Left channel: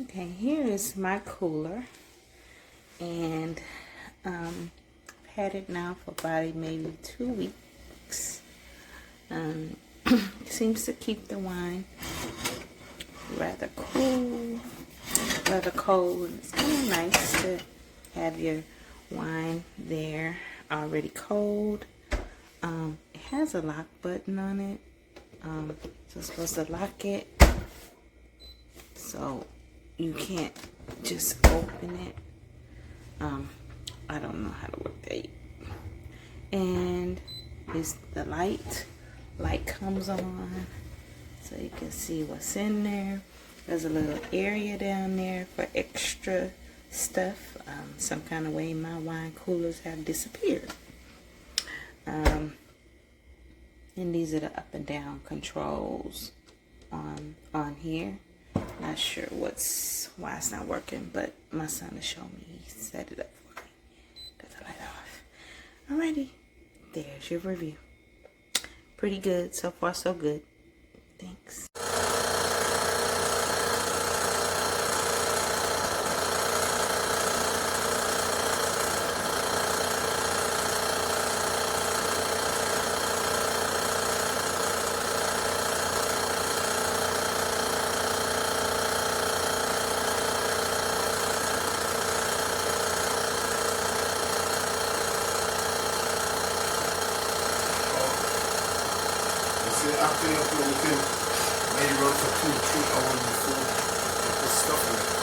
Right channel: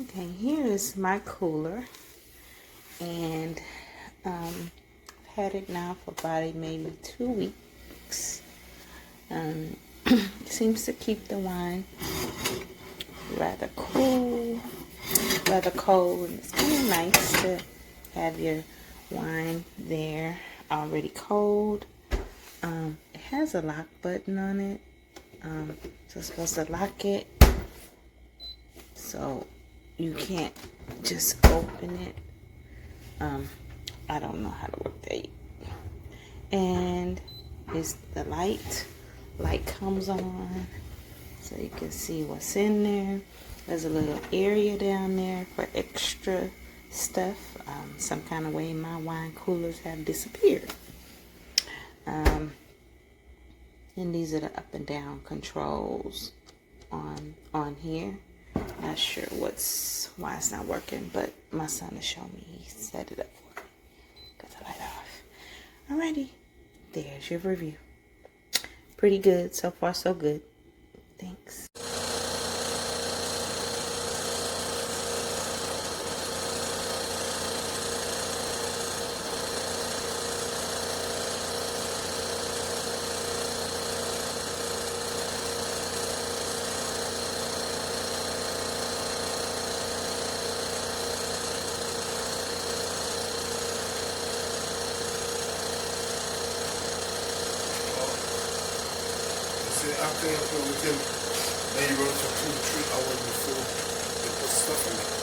Okay, here is my cooler, and I've had it now for about maybe 2 weeks. Seems to keep the wine rather cool, rather cold. It's kind of nice to have your wine there already cold. It has a lock button on it, so it's supposed to lock it so you can't just open it. I don't know how to work that. And it's the light comes on so you can see what's in there. There's a little area down there for extra stuff. Some kind of way my wine coolers have disappeared. And these are the up and down controls on here. Not sure why it's not working, but my son will show me. He set it up for me. Got the light off. Alrighty, there's your review. Pretty good. So far, so good. Thanks. After you put it within, and you run for 2 or 3 hours before you put stuff in.